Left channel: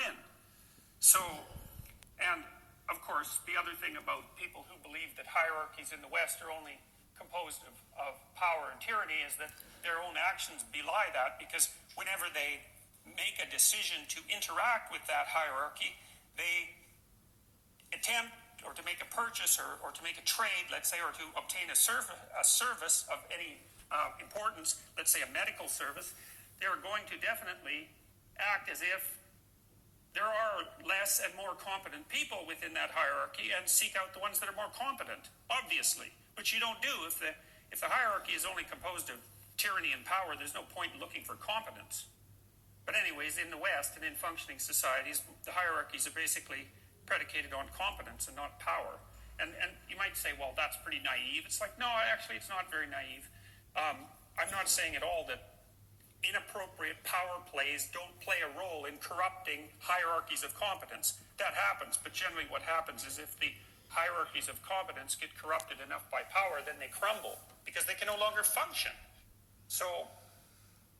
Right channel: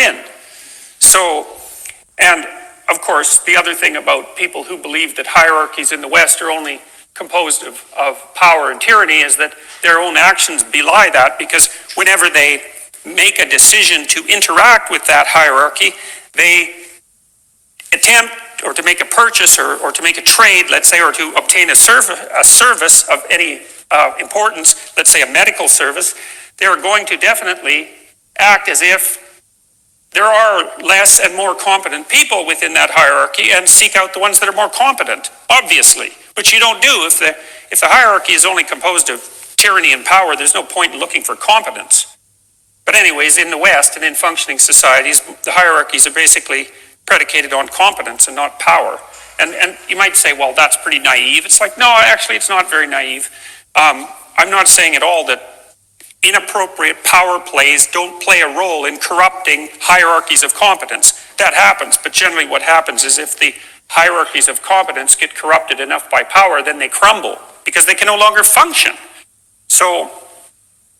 in. So, and of course, the other thing about people who believe that hierarchies in the West are only composed of power and tyranny is that their own actions belie that, because whenever they make a decision to interact with that hierarchy, they attempt or to make a purchase or to make a trade, let's say, or to obtain a service of any importance, let's say a medical service, they are going to definitely act as if there are less and more competent people within that hierarchy and seek out the ones that are more competent, obviously, which you don't do. If the hierarchy is only composed of tyranny and power, there's no point in looking for competence. But anyways, in the West and in functioning societies, the hierarchies are basically predicated on competence and not power. And you might say, well, that's pretty naive. It's like, no, actually, it's not very naive. I'm not saying at all that inappropriate power plays don't play a role in corrupting hierarchies of competence. That happens, but generally what happens is if the hierarchies of competence get corrupted enough by power, then they crumble because they can no longer function. So,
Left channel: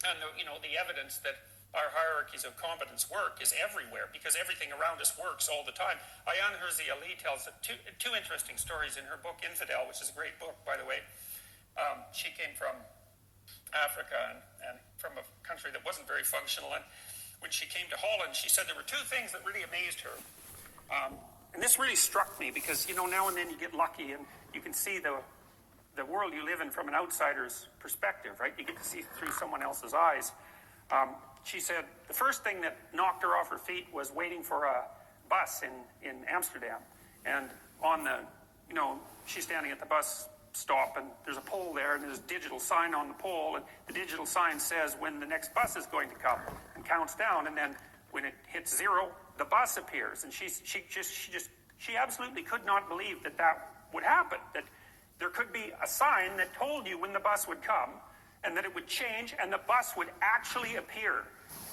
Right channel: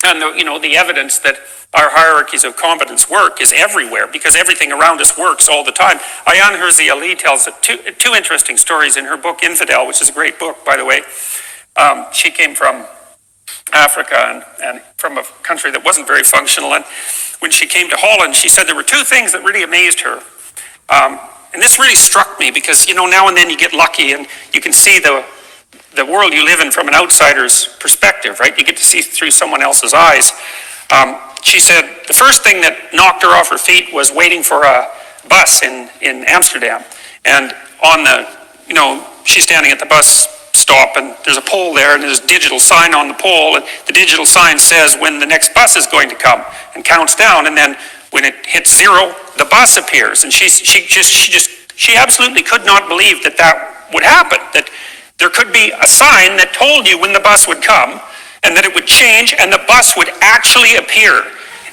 and the evidence that our hierarchies of competence work is everywhere because everything around us works all the time. Ayaan Hirsi Ali tells two interesting stories in her book Infidel, which is a great book, by the way. She came from Africa and from a country that wasn't very functional. And when she came to Holland, she said there were two things that really amazed her. And this really struck me because, now and then you get lucky and you can see the world you live in from an outsider's perspective, right? You get to see through someone else's eyes. She said the first thing that knocked her off her feet was waiting for a bus in Amsterdam. And she's standing at the bus stop and there's a pole there and there's a digital sign on the pole, and the digital sign says when the next bus is going to come and counts down, and then when it hits 0, the bus appears. And she absolutely could not believe that would happen, that there could be a sign that told you when the bus would come and that it would change and the bus would actually appear.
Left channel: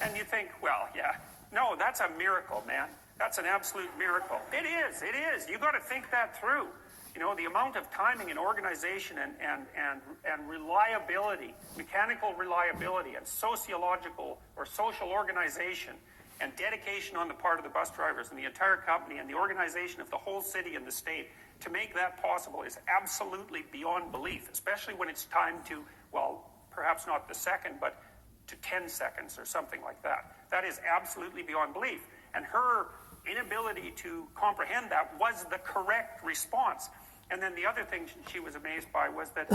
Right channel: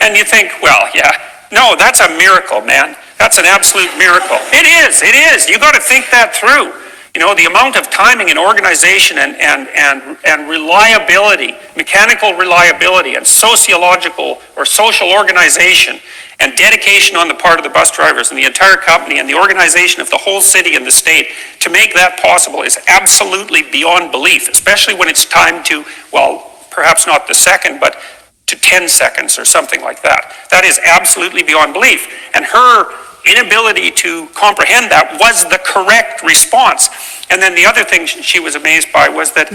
And you think, well, yeah, no, that's a miracle, man. That's an absolute miracle. It is. You got to think that through. The amount of timing and organization and reliability, mechanical reliability and sociological or social organization and dedication on the part of the bus drivers and the entire company and the organization of the whole city and the state to make that possible is absolutely beyond belief, especially when it's timed to, well, perhaps not the second, but to 10 seconds or something like that. That is absolutely beyond belief. And her inability to comprehend that was the correct response. And then the other thing she was amazed by was that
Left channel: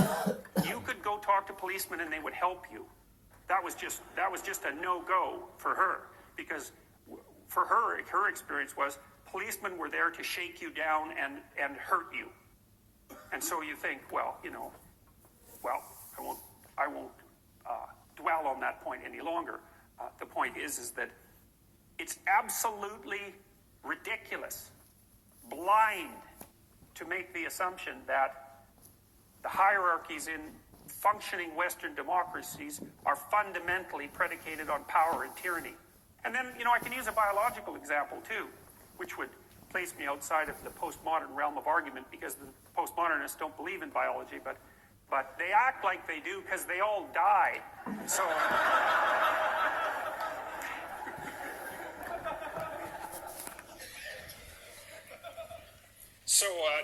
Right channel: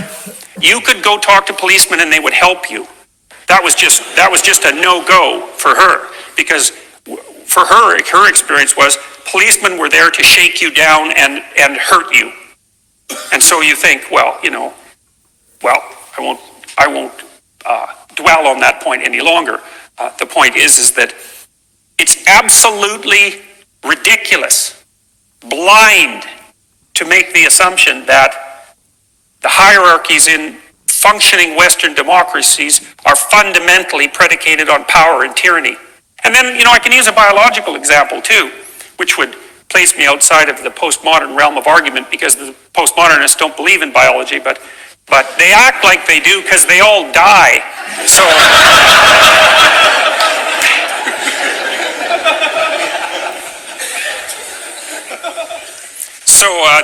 you could go talk to policemen and they would help you. That was just a no-go for her, because for her experience was policemen were there to shake you down and hurt you. And so you think, well, I won't dwell on that point any longer. The point is that it's absolutely ridiculous, blind, to make the assumption that the hierarchies in functioning Western democracies are fundamentally predicated on power and tyranny. And then, I can use a biological example too, which would place me outside of the postmodern realm of argument, because the postmodernists don't believe in biology, but they act like they do because they all die. So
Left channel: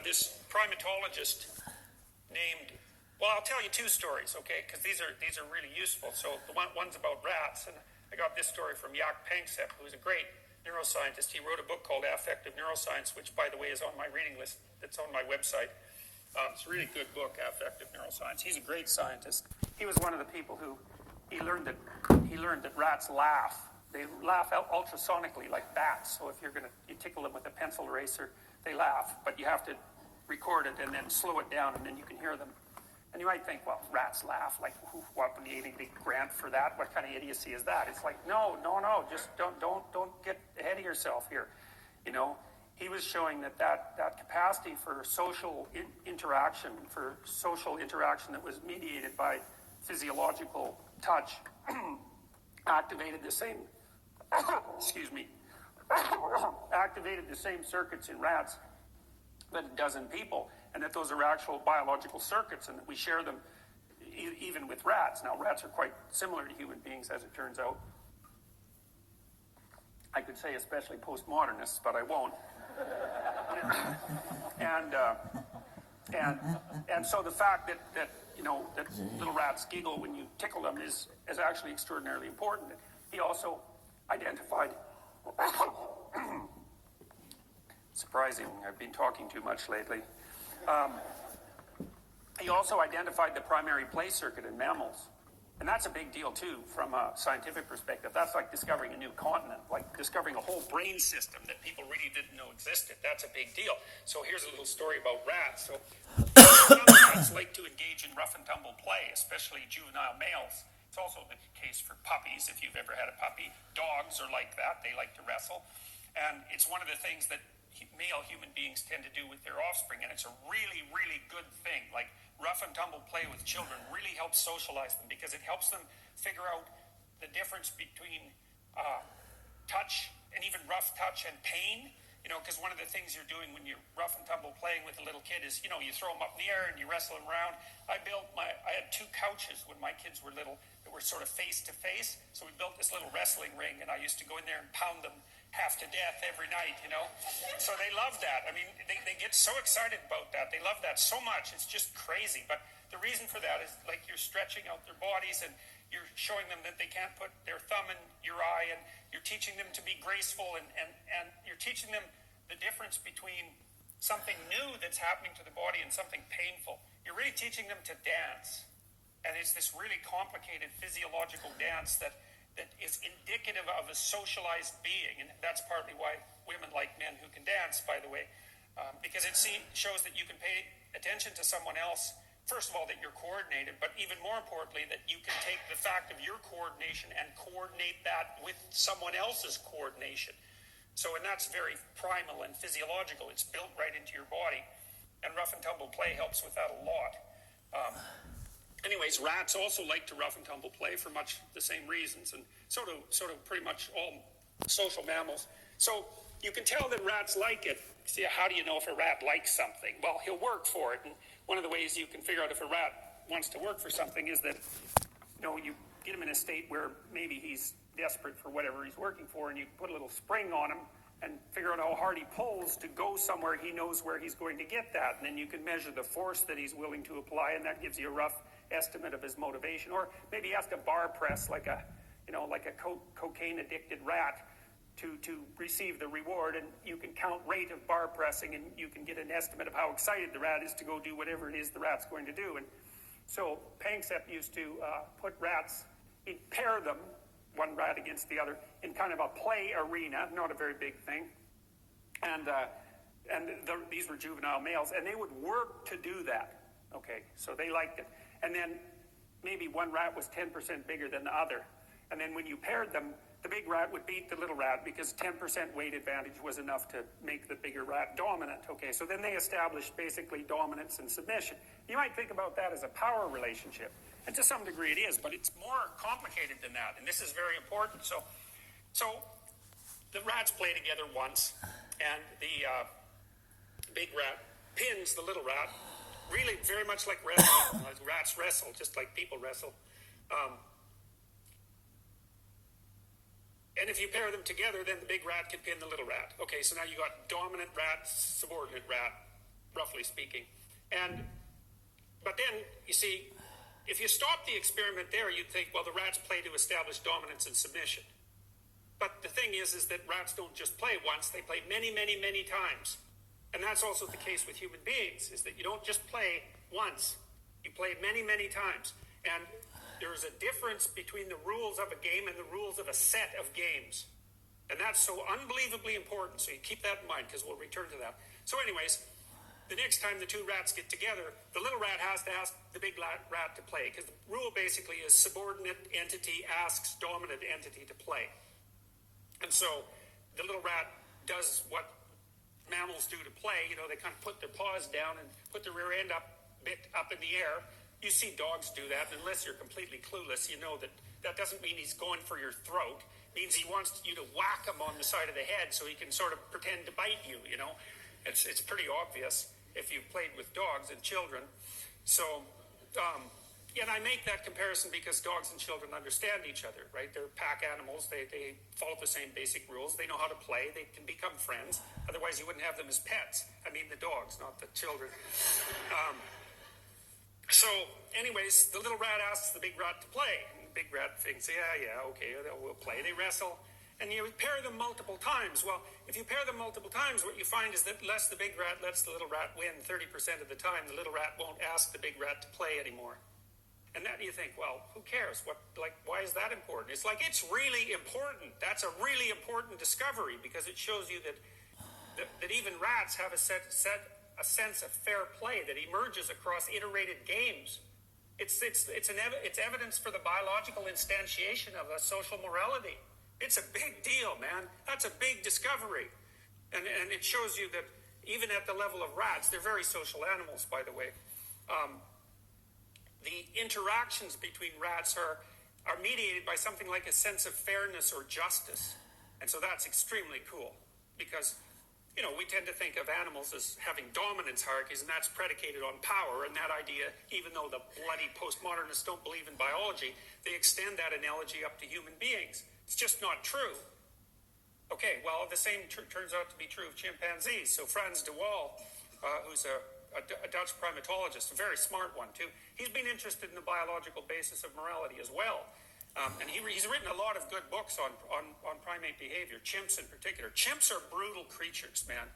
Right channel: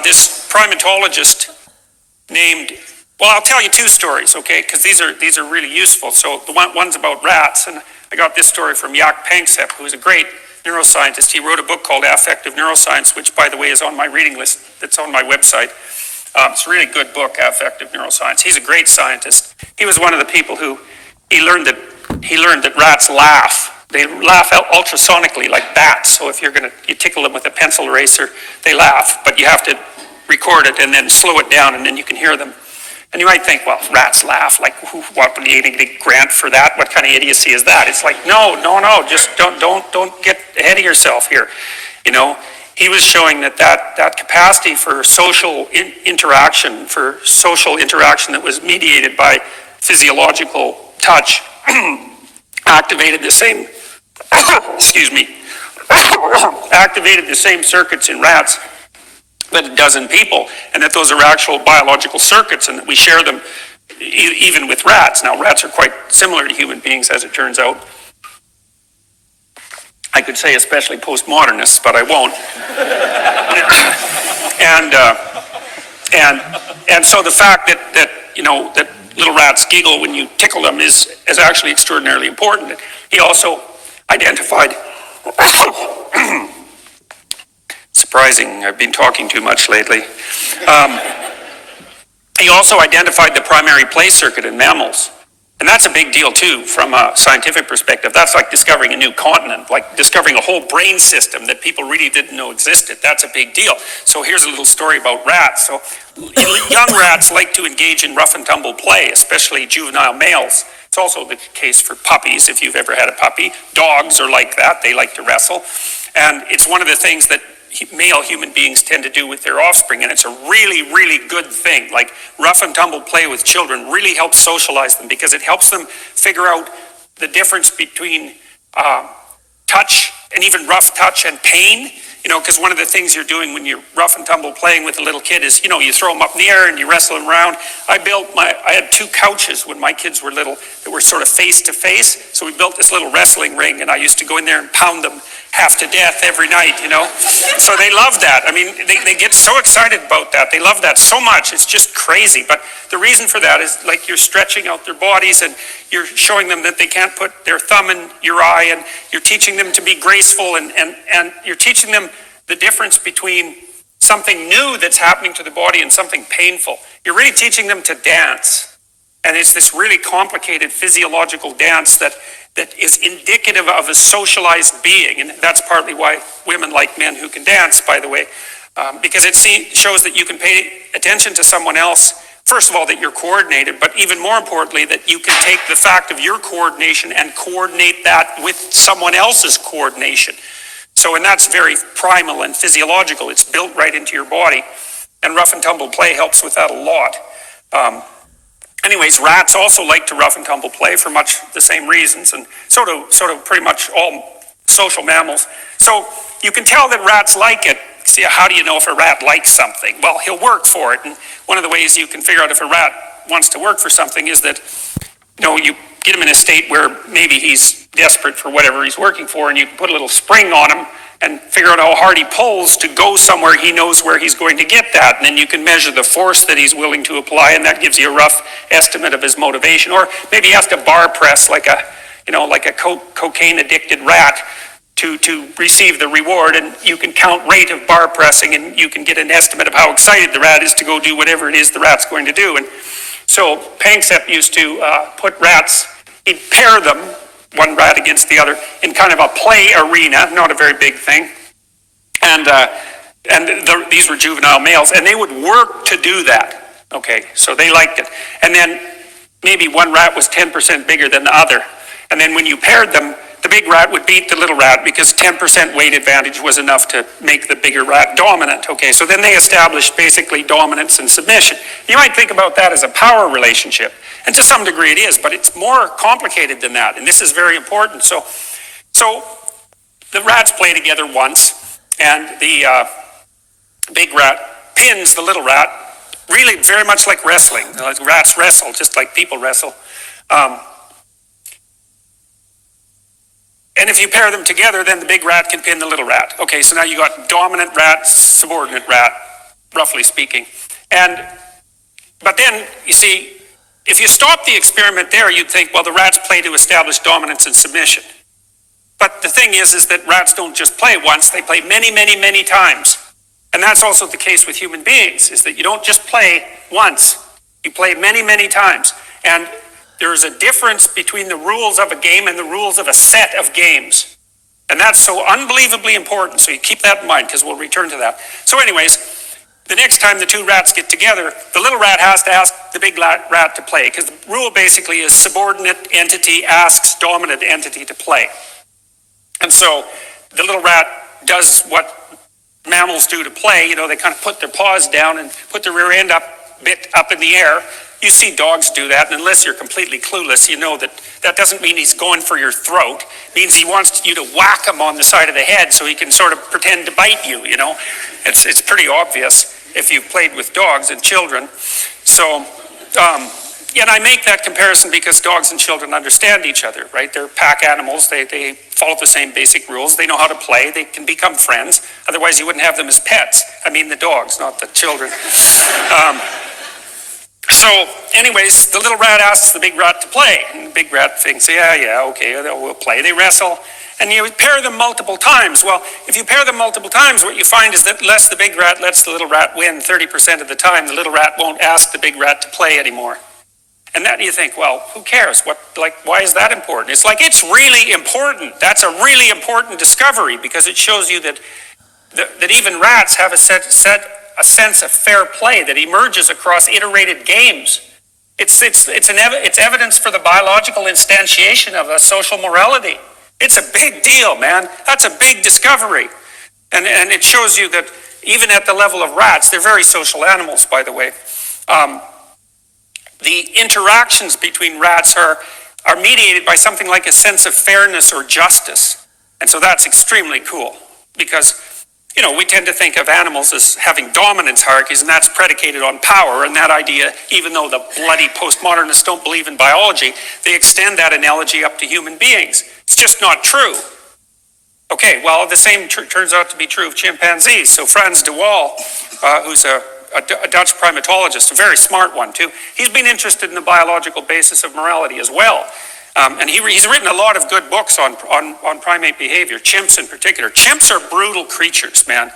this primatologist named, well, I'll tell you two stories, okay, because these are really useful. So the one's about rats, and I got this story from Jaak Panksepp, who is a great neuroscientist. He wrote a book called Affective Neuroscience, which, by the way, is on my reading list. It's on my website. It's a really good book, Affective Neuroscience. He's a great scientist. He was one of the people who he learned that rats laugh. They laugh ultrasonically like bats. So if you tickle them with a pencil eraser, they laugh, but you have to record it and then slow it down, and then you can hear them. And you might think, well, rats laugh, like, what would you get a grant for that? What kind of idiocy is that? It's like, no, just don't get ahead of yourself here. He was showing that capacity for social interaction, that was mediated by physiological touch, activated the same, activated the same circuits in rats that it does in people, and that those are actual biological circuits, and that we share them even with rats. Now, rats are quite similar to human beings, as it turns out. I could say especially postmodernists, but I won't. And so the fact that little rats giggle when you tickle them is actually extraordinarily important. He also identified, surprising, I've been talking too much lately. He also identified the primary play circuit in mammals. And that's a big deal too, from a scientific perspective. That's like discovering a new continent, like discovering a whole brain system that people really didn't know existed. That's a big deal. So here's a little story about rats. So young rats like to engage in rough and tumble play, especially juvenile males. It's also the case for puppies, if you've ever had a puppy. Dogs are like that. They like to wrestle. And it's one of the things that male human beings tend to do with their offspring, and it's a really, really good thing. Like rough and tumble play with children really helps socialize them because it helps them figure out the difference between touch and even rough touch and pain. Because one of the things you're doing when you're rough and tumble playing with a little kid is, you throw them up in the air and you wrestle them around. I had 2 couches when my kids were little that were sort of face to face. So we built this little wrestling ring, and I used to go in there and pound them half to death every night, So they love that. I mean, they get so excited about that. They love that so much. It's just crazy. But the reason for that is like you're stretching out their bodies, and you're showing them that they can't put their thumb in your eye, and you're teaching them to be graceful, and you're teaching them the difference between something new that's happening to the body and something painful. You're really teaching them to dance. And it's this really complicated physiological dance that is indicative of a socialized being. And that's partly why women like men who can dance, by the way, because it shows that you can pay attention to someone else. First of all, that you're coordinated, but even more importantly, that you can take the fact of your coordination and coordinate that with someone else's coordination. And that's very primal and physiological. It's built right into your body. And rough and tumble play helps with that a lot. Anyways, rats also like to rough and tumble play for much the same reasons, and sort of pretty much all social mammals. So you can tell that rats like it. See, how do you know if a rat likes something? Well, he'll work for it. And one of the ways you can figure out if a rat wants to work for something is that, you get him in a state where maybe he's desperate for whatever he's working for, and you put a little spring on him and figure out how hard he pulls to go somewhere he knows where he's going to get that. And then you can measure the force that he's willing to apply, and that gives you a rough estimate of his motivation. Or maybe he has to bar press like a cocaine addicted rat to receive the reward, and you can count rate of bar pressing, and you can get an estimate of how excited the rat is to go do whatever it is the rat's going to do. And so Panksepp used to put rats, he'd pair them, one rat against the other, in kind of a play arena, not a very big thing. And these were juvenile males, and they would work to do that. Okay, so they liked it. And then maybe one rat was 10% bigger than the other. And then when you paired them, the big rat would beat the little rat because 10% weight advantage was enough to make the bigger rat dominant. Okay, so then they established basically dominance and submission. You might think about that as a power relationship. And to some degree it is, but it's more complicated than that. And this is very important. So the rats play together once, and the big rat pins the little rat, really very much like wrestling. Rats wrestle just like people wrestle. And if you pair them together, then the big rat can pin the little rat. Okay, so now you got dominant rat, subordinate rat, roughly speaking. But then, you see, if you stop the experiment there, you'd think, well, the rats play to establish dominance and submission. But the thing is that rats don't just play once, they play many, many, many times. And that's also the case with human beings, is that you don't just play once, you play many, many times. And there is a difference between the rules of a game and the rules of a set of games. And that's so unbelievably important, so you keep that in mind, because we'll return to that. So anyways, the next time the two rats get together, the little rat has to ask the big rat to play, because the rule basically is subordinate entity asks dominant entity to play. And so the little rat does what mammals do to play. They kind of put their paws down and put their rear end bit up in the air. You see dogs do that, and unless you're completely clueless, you know that doesn't mean he's going for your throat. It means he wants you to whack him on the side of the head so he can sort of pretend to bite you, It's pretty obvious if you've played with dogs and children. So, and I make that comparison because dogs and children understand each other, right? They're pack animals. They follow the same basic rules. They know how to play. They can become friends. Otherwise, you wouldn't have them as pets. I mean the dogs, not the children. So anyways, the little rat asks the big rat to play. And the big rat thinks, yeah, okay, we'll play. They wrestle. And you pair them multiple times. Well, if you pair them multiple times, what you find is that unless the big rat lets the little rat win 30% of the time, the little rat won't ask the big rat to play anymore. And then you think, well, who cares? Why is that important? It's like, it's really important. That's a really important discovery because it shows you that even rats have a sense of fair play that emerges across iterated games. It's evidence for the biological instantiation of a social morality. It's a big deal, man. That's a big discovery. And it shows you that even at the level of rats, they're very social animals, by the way. The interactions between rats are mediated by something like a sense of fairness or justice. And so that's extremely cool because, we tend to think of animals as having dominance hierarchies, and that's predicated on power. And that idea, even though the bloody postmodernists don't believe in biology, they extend that analogy up to human beings. It's just not true. Okay, well, the same turns out to be true of chimpanzees. So Frans de Waal, who's a Dutch primatologist, a very smart one too, he's been interested in the biological basis of morality as well. And he's written a lot of good books on primate behavior, chimps in particular. Chimps are brutal creatures, man.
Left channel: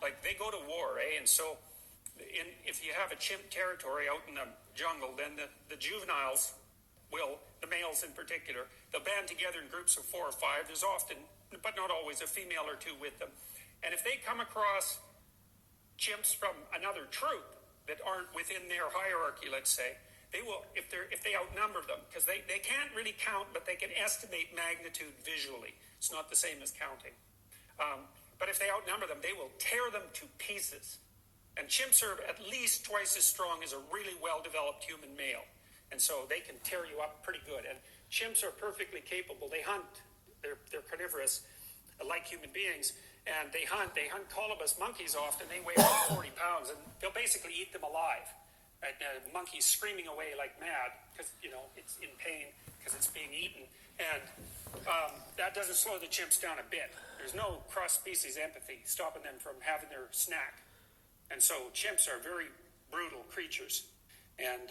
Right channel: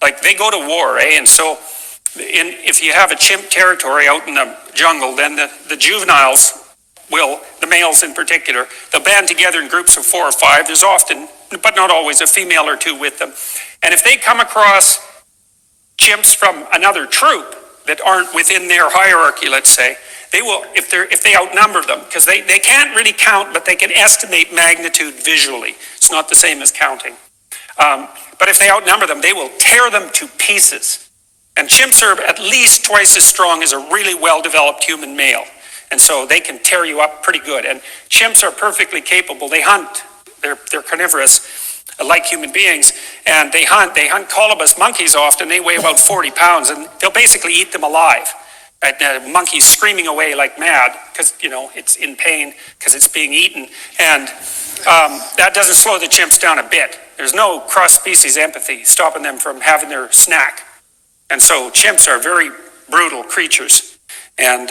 Like, they go to war, eh? And so if you have a chimp territory out in the jungle, then the juveniles will, the males in particular, they'll band together in groups of 4 or 5. There's often, but not always, a female or 2 with them. And if they come across chimps from another troop that aren't within their hierarchy, let's say, they will, if they outnumber them, because they can't really count, but they can estimate magnitude visually. It's not the same as counting. But if they outnumber them, they will tear them to pieces. And chimps are at least twice as strong as a really well-developed human male. And so they can tear you up pretty good. And chimps are perfectly capable. They hunt. They're carnivorous, like human beings. And they hunt colobus monkeys often. They weigh about 40 pounds. And they'll basically eat them alive. And the monkey's screaming away like mad because, it's in pain because it's being eaten. And that doesn't slow the chimps down a bit. There's no cross-species empathy stopping them from having their snack. And so chimps are very brutal creatures. And